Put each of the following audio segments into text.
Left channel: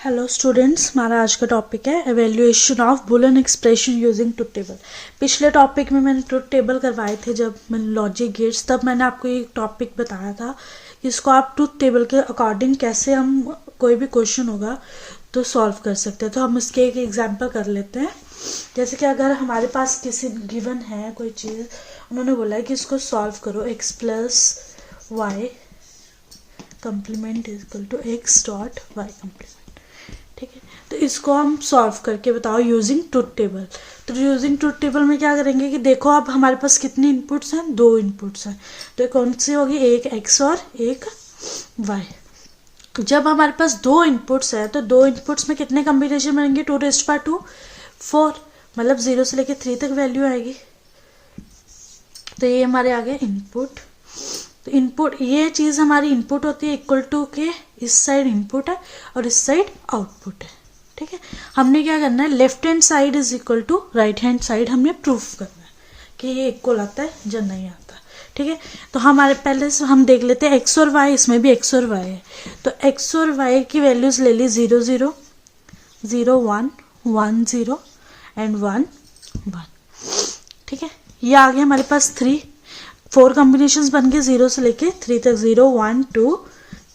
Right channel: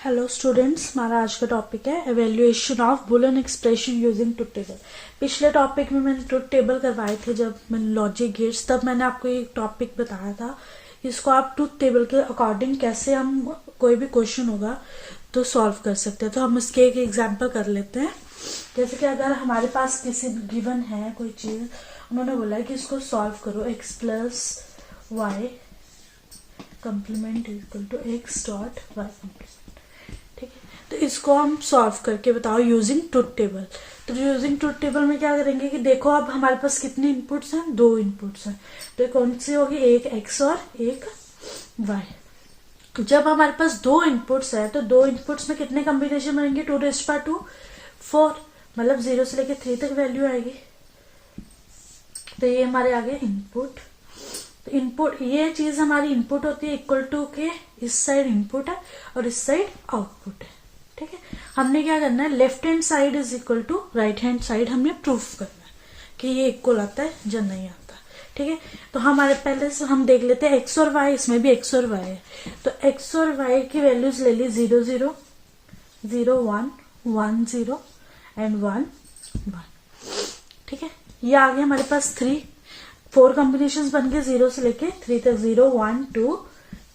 Hello students, हमारा आज का टॉपिक है evaluation of Boolean expression using truth table. पिछले टॉपिक में मैंने ट्रुथ टेबल करवाए थे जब मैंने लॉजिक गेट्स, तब मैंने आपको एक टॉपिक बताया था कि इसको आप ट्रुथ टेबल के अकॉर्डिंग कैसे हम कोई भी क्वेश्चन होगा तो सॉल्व कर सकते हैं। तो हम इसके एक एग्जाम्पल कर लेते हैं। जैसे कि अगर हमारे पास किसी गिवन है कोई चीज़, उन्होंने बोला है कि इसको सॉल्व करो x plus Y complement is equal to X dot Y complement. ठीक है, तो इसको हम सॉल्व करके बताओ यूजिंग ट्रुथ टेबल। तो यूजिंग ट्रुथ टेबल में क्या करेंगे कि देखो अब हमारे पास कितनी इनपुट्स हैं, 2 इनपुट्स हैं। तो कौन सी होगी, एक x और एक y। जब हमारे पास 2 इनपुट्स है तो 2 इनपुट्स में कितने कॉम्बिनेशन बनेंगे, 2⁻², 4, मतलब 0 से लेके 3 तक वैल्यू आएगी। तो ये हमारे आगे इनपुट। तो इनपुट, ये चीज हमारी इनपुट होती है इक्वल टू के इस साइड इनपुट है और इस साइड आउटपुट है। ठीक है, हमने क्या करना है, left hand side is equal to right hand side हमने प्रूफ करना है कि ये इक्वल आता है या नहीं आता। ठीक है, तो हमारे पहले से हम देख लेते हैं एक्स और वाई, इसमें भी एक्स और वाई है। तो एक्स और वाई की वैल्यूज ले ली 0 0 0 1 1 0 एंड 1 1। ठीक है, ये आ गया हमारे पास 4 कॉम्बिनेशंस बन गए 0 से लेके 3 तक, 0 1 2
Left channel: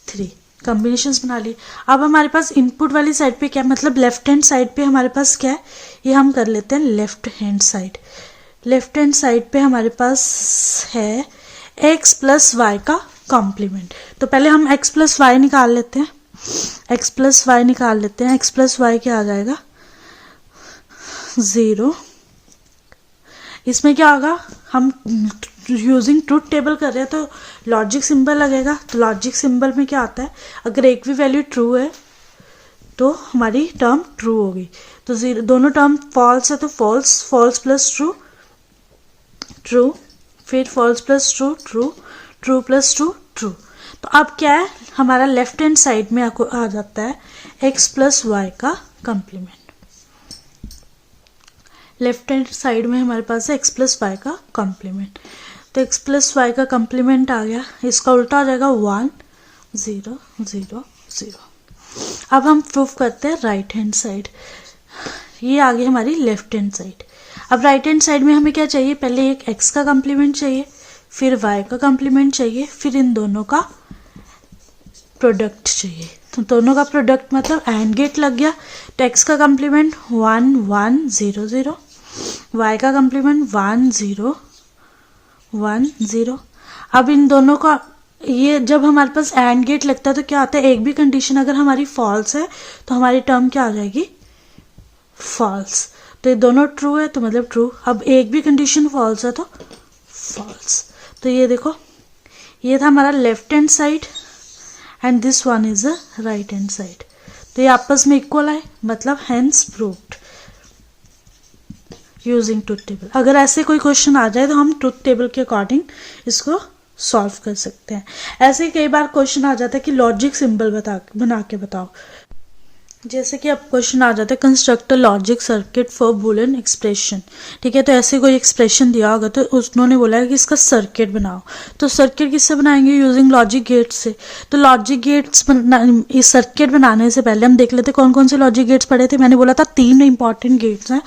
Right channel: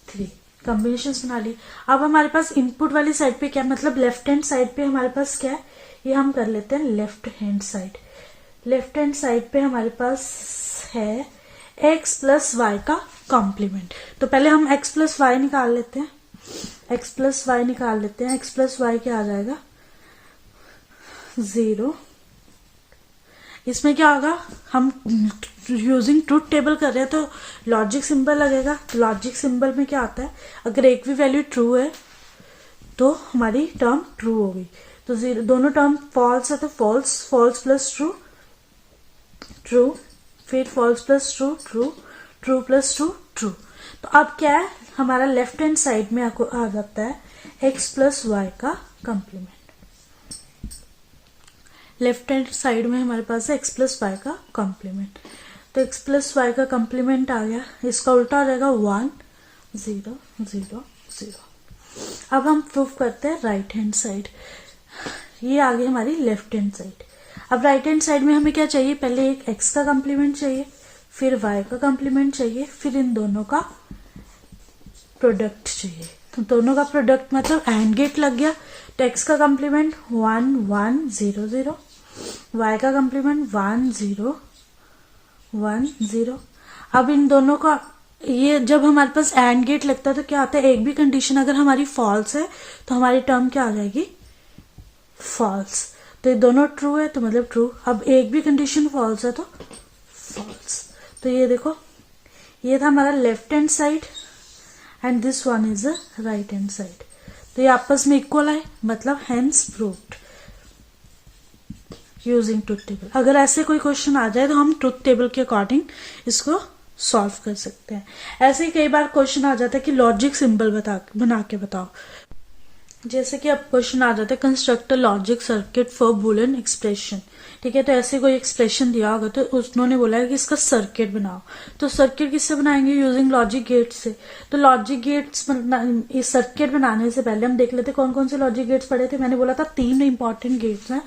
3 कॉम्बिनेशंस बना लिए। अब हमारे पास इनपुट वाली साइड पे क्या, मतलब लेफ्ट हैंड साइड पे हमारे पास क्या है, ये हम कर लेते हैं left hand side. Left hand side पे हमारे पास है x प्लस वाई का कॉम्प्लीमेंट। तो पहले हम x प्लस वाई निकाल लेते हैं। x प्लस वाई निकाल लेते हैं। x प्लस वाई क्या आ जाएगा, 0। इसमें क्या होगा, हम यूजिंग ट्रुथ टेबल कर रहे हैं तो लॉजिक सिंबल लगेगा। तो लॉजिक सिंबल में क्या आता है, अगर एक भी वैल्यू ट्रू है तो हमारी टर्म ट्रू होगी। तो 0, दोनों टर्म फॉल्स है तो false, false plus true true, फिर false plus true true, true plus true true. तो अब क्या है, हमारा लेफ्ट हैंड साइड में आ जाता है एक्स प्लस वाई का कॉम्प्लीमेंट। लेफ्ट हैंड साइड में हमारे पास है x प्लस वाई का कॉम्प्लीमेंट। तो x प्लस वाई का कॉम्प्लीमेंट आ गया, इसका उल्टा हो जाएगा 1 0 0 0। अब हम प्रूफ करते हैं राइट हैंड साइड। ये आ गई हमारी लेफ्ट हैंड साइड। अब राइट हैंड साइड में हमें क्या चाहिए, पहले एक x का कॉम्प्लीमेंट चाहिए, फिर y का कॉम्प्लीमेंट चाहिए, फिर इन दोनों का प्रोडक्ट चाहिए। तो दोनों का प्रोडक्ट मतलब एंड गेट लग गया। तो x का कॉम्प्लीमेंट 1 1 0 0, y का कॉम्प्लीमेंट 1 0 1 0। अब इन दोनों का, ये जब हमारे पास एंड गेट लगता है तो क्या होता है, एक भी कंडीशन अगर हमारी फॉल्स है तो हमारी टर्म क्या आ जाएगी, फॉल्स। तो ये दोनों ट्रू है तो मतलब ट्रू। अब एक भी कंडीशन फॉल्स है तो फॉल्स। तो ये देखो, ये था हमारा left hand side and this one is a right hand side. तो ये आपस में इक्वल है, मतलब hence proved using truth table. अगर ऐसे कोई क्वेश्चन आ जाए तो हम ट्रुथ टेबल के अकॉर्डिंग इसको सॉल्व कर सकते हैं। ऐसे कई बार क्वेश्चन आ जाता है कि लॉजिक सिंबल बना के बताओ। जैसे कि अब क्वेश्चन आ जाता है construct a logic circuit for Boolean expression. ठीक है, तो ऐसे कोई एक्सप्रेशन दिया होगा तो उन्होंने बोला है कि इसका सर्किट बनाओ। तो सर्किट किससे बनाएंगे, यूजिंग लॉजिक गेट्स से। तो लॉजिक गेट्स इस सर्किट बनाने से पहले हम देख लेते कौन कौन से लॉजिक गेट्स पढ़े थे। मैंने बोला था 3 इंपॉर्टेंट गेट्स हैं,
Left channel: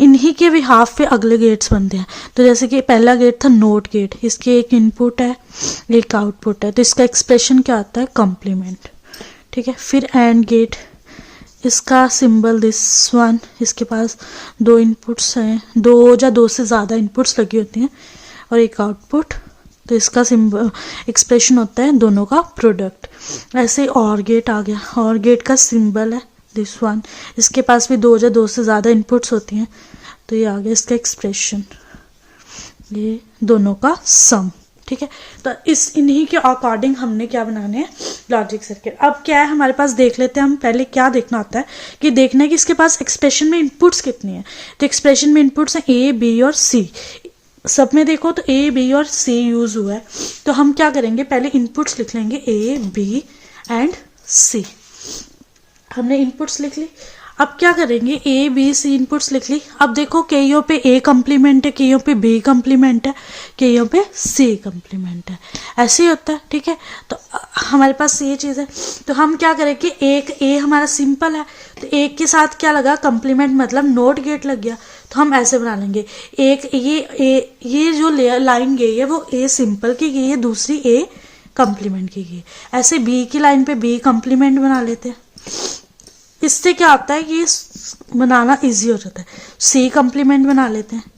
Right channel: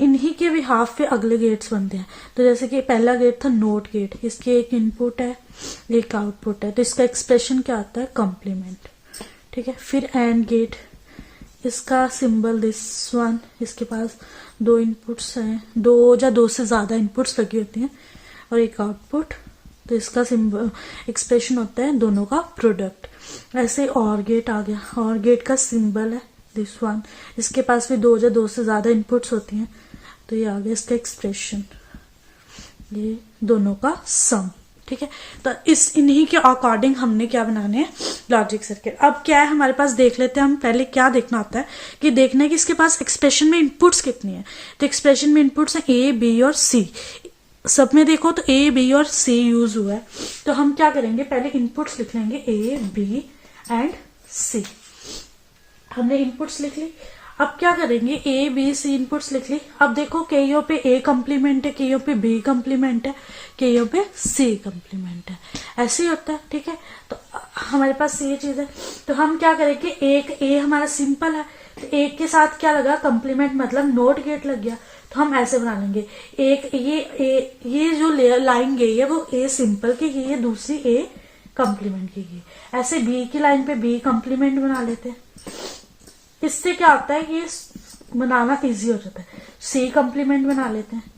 इन्हीं के बिहाफ पे अगले गेट्स बनते हैं। तो जैसे कि पहला गेट था नोट गेट, इसके एक इनपुट है एक आउटपुट है, तो इसका एक्सप्रेशन क्या आता है, कॉम्प्लीमेंट। ठीक है, फिर एंड गेट, इसका सिंबल दिस वन, इसके पास 2 इनपुट्स हैं, 2 या 2 से ज़्यादा इनपुट्स लगी होती हैं और एक आउटपुट। तो इसका सिंबल एक्सप्रेशन होता है दोनों का प्रोडक्ट। ऐसे और गेट आ गया, और गेट का सिंबल है दिस वन, इसके पास भी 2 या 2 से ज़्यादा इनपुट्स होती हैं। तो ये आ गया इसका एक्सप्रेशन, ये दोनों का सम। ठीक है, तो इन्हीं के अकॉर्डिंग हमने क्या बनाने हैं, लॉजिक सर्किट। अब क्या है हमारे पास, देख लेते हैं हम। पहले क्या देखना होता है कि देखना है कि इसके पास एक्सप्रेशन में इनपुट्स कितनी है। तो एक्सप्रेशन में इनपुट्स हैं ए बी और सी। सब में देखो तो ए बी और सी यूज हुआ है। तो हम क्या करेंगे, पहले इनपुट्स लिख लेंगे ए बी एंड सी। हमने इनपुट्स लिख ली। अब क्या करेंगे, ए बी सी इनपुट्स लिख ली। अब देखो कईयों पे ए कम्प्लीमेंट है, कईयों पे बी कम्प्लीमेंट है, कईयों पे सी कम्प्लीमेंट है, ऐसे ही होता है। ठीक है, तो हमारे पास ये चीज है। तो हम क्या करेंगे, एक ए हमारा सिंपल है, तो एक के साथ क्या लगा, कम्प्लीमेंट मतलब नोट गेट लग गया, तो हम ऐसे बना लेंगे। एक ये जो लाइन गई है वो ए सिंपल की गई है, दूसरी ए कम्प्लीमेंट की गई है। ऐसे बी की लाइन पे बी कम्प्लीमेंट बना लेते हैं। इससे क्या होता है कि ये बनाना इजी हो जाता है। सी कम्प्लीमेंट बना लेते हैं।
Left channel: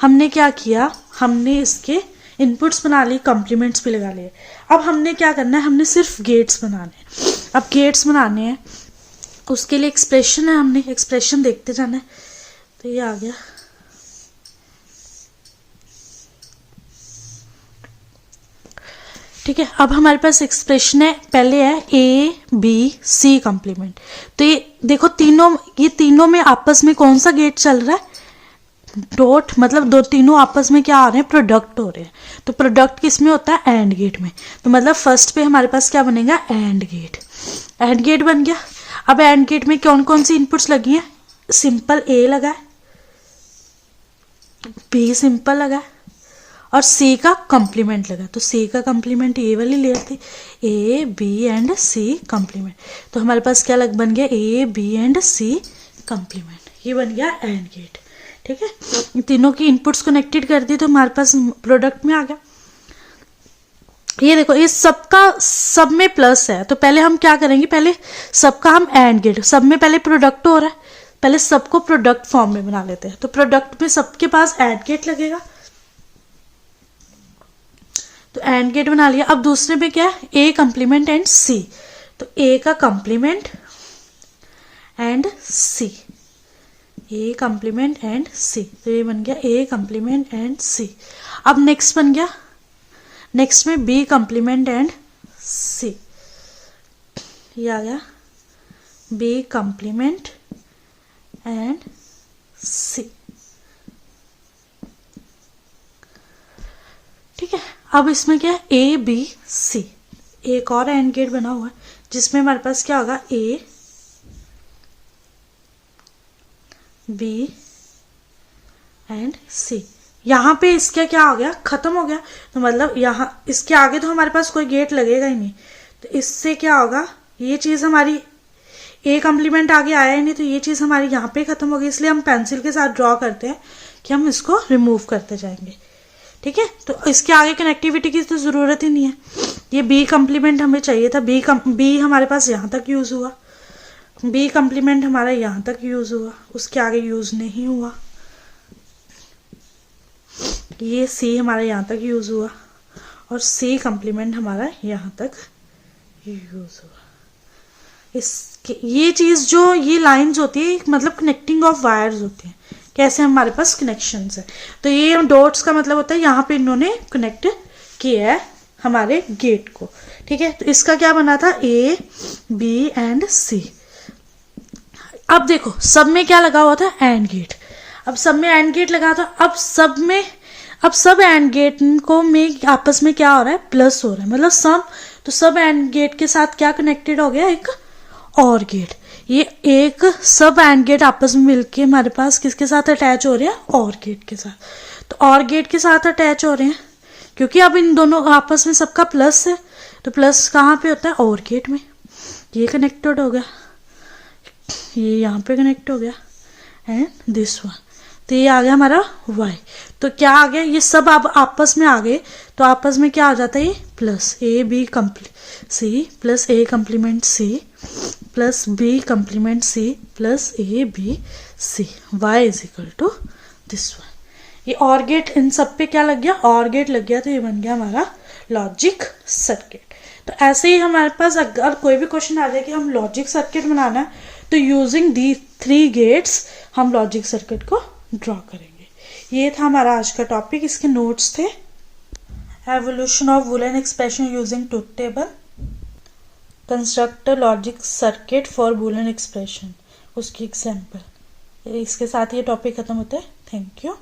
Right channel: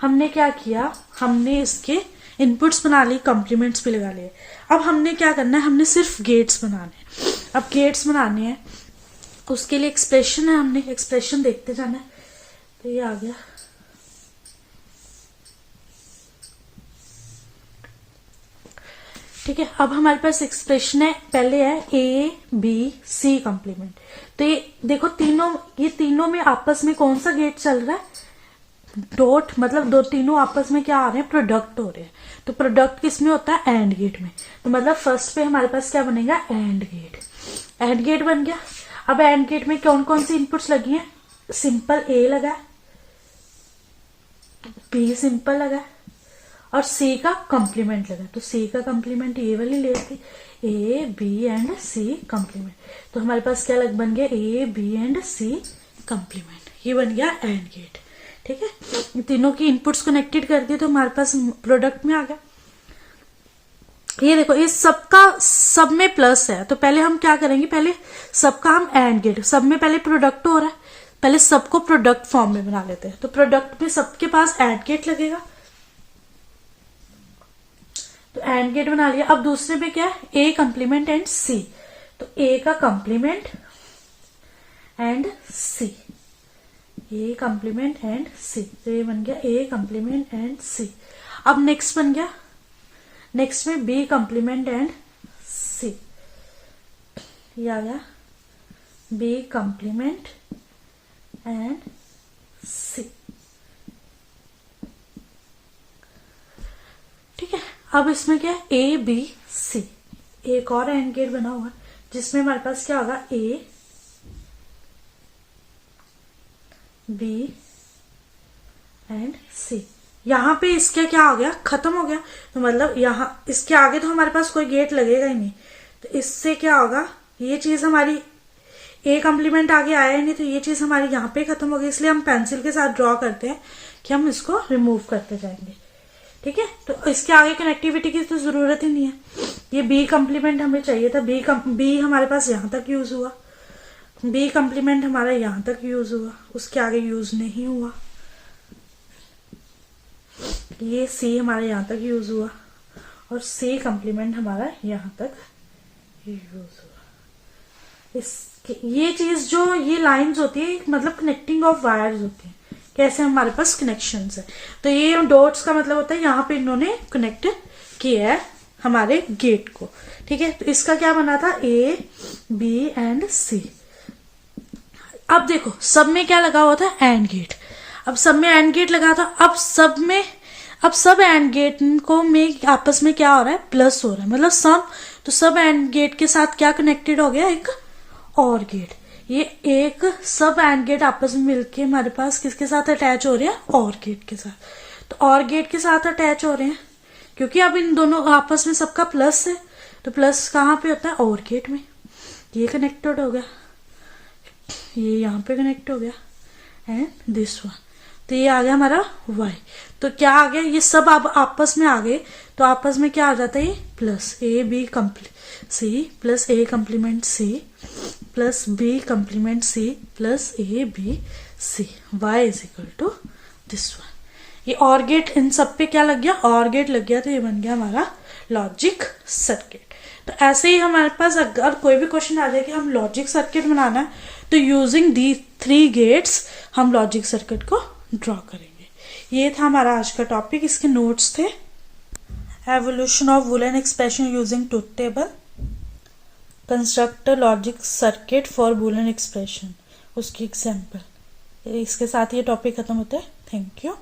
हमने क्या किया, हमने इसके इनपुट्स बना लिए, कम्प्लीमेंट्स भी लगा लिए। अब हमने क्या करना है, हमने सिर्फ गेट्स बनाने हैं। अब गेट्स बनाने हैं, उसके लिए एक्सप्रेशन है, हमने एक्सप्रेशन देखते जाना है। तो ये आ गया, ठीक है। अब हमारे पास एक्सप्रेशन है, पहले है ए बी सी कम्प्लीमेंट। तो ये देखो ये तीनों में आपस में कौन सा गेट चल रहा है, डॉट, मतलब दो तीनों आपस में क्या आ रहे हैं, प्रोडक्ट हो रहे हैं। तो प्रोडक्ट किस में होता है, एंड गेट में। तो मतलब फर्स्ट पे हमारे पास क्या बनेगा, एंड गेट। एंड गेट बन गया। अब एंड गेट में कौन कौन सी इनपुट्स लगी है, सिंपल ए लगा है, बी सिंपल लगा है, और सी का कम्प्लीमेंट लगा। तो सी का कम्प्लीमेंट ये वाली लेयर थी, A B and C complement. तो हमारे पास क्या बन गया, A B and C complement, ये बन गया एंड गेट। ठीक है, तीनों की इनपुट्स कनेक्टेड कर दी तो हमारे पास प्रोडक्ट में आ गया। ये देखो, ये सब में प्लस है, तो पहले हम क्या करेंगे, पहले सबका हम एंड गेट, सब में पहले प्रोडक्ट हो रहा है, पहले सबको प्रोडक्ट फॉर्म में बना लेते हैं। तो प्रोडक्ट में सबके पास एंड गेट लगेगा, तो एंड गेट बना लिया। अब दूसरे में क्या है, ए कम्प्लीमेंट एंड सी। तो ए का complement and C, A complement and C, तो ये बन गया ए कम्प्लीमेंट एंड सी। अब नेक्स्ट बन गया, नेक्स्ट में बी कम्प्लीमेंट एंड सी, ये आ गया बी कम्प्लीमेंट एंड सी। ठीक है, अब इसमें क्या है, ए बी सी, एक और एंड गेट बना हुआ है जिसमें हमारे पास क्या होगा, ए बी एंड सी। यहां पे इसका क्या हो गया, खत्म हो गया। तो मतलब यहां इसके आगे तो हमारे पास कोई गेट लगेगा ही नहीं। तो इससे क्या होगा, ये चीज हमारी ए कम्प्लीमेंट आगे आया ही नहीं, तो ये चीज हमारी यहाँ पे खत्म होगी। इसलिए हम पेंसिल के साथ ड्रॉ करते हैं कि हम इसको रिमूव करते जाएंगे। ठीक है, तो इसके आगे कनेक्टिविटी की तो जरूरत ही नहीं है। ये बी कम्प्लीमेंट हमें चाहिए था, बी हमारे पास यहाँ तक यूज हुआ, बी कम्प्लीमेंट हमारा यहाँ तक यूज हुआ, उसके आगे यूज नहीं हुआ। ये सी हमारा यहाँ तक यूज हुआ, और सी कम्प्लीमेंट हमारा यहाँ तक यूज हुआ। ये चीज जो ये लाइंस होती है, मतलब कनेक्टिंग ऑफ वायर्स होती है, कैसे हमारे पास कनेक्शंस है। तो ये डॉट्स का मतलब होता है यहाँ पे इन्होंने कनेक्ट किया है हमारे गेट को। ठीक है, तो इसका क्या बना था, ए बी एंड सी। अब देखो सब में क्या लगा हुआ था, एंड गेट। अब सब में एंड गेट लगा था, अब सब एंड गेट को में आपस में क्या हो रहा है, प्लस हो रहा है, मतलब सम। तो सब एंड गेट के साथ क्या कनेक्टेड हो गया, एक और गेट। ये एक सब एंड गेट आपस में मिलके हमारे पास किसके साथ अटैच हो रहे हैं, और गेट के साथ। तो और गेट के साथ अटैच हो रहे हैं क्योंकि अब इन दोनों आपस में सबका प्लस है। तो प्लस कहाँ पे होता है, और गेट में। ये कनेक्टेड हो गया, ये यहाँ पे कनेक्ट हो गया, एंड दिस वन। तो ये आ गया हमारा y। तो क्या आ गया, ये सब अब आपस में आ गए, तो आपस में क्या आ जाता है, ये plus A B C plus A complement C plus B complement C plus A B C, y is equal to this one. ये और गेट इन सब पे क्या लग गया, और गेट लग गया, तो ये बन गया हमारा लॉजिक सर्किट। तो ऐसे ही हमारे पास अगर कोई भी क्वेश्चन आ जाए कि हम लॉजिक सर्किट बनाना है, तो यूजिंग दी 3 गेट्स हम लॉजिक सर्किट को ड्रॉ करेंगे। ये था हमारा आज का टॉपिक। इसके नोट्स थे evolution of Boolean expression using truth table, construct logic circuit for Boolean expression, उसकी एग्जाम्पल। इसके साथ ये टॉपिक खत्म होता है। Thank you.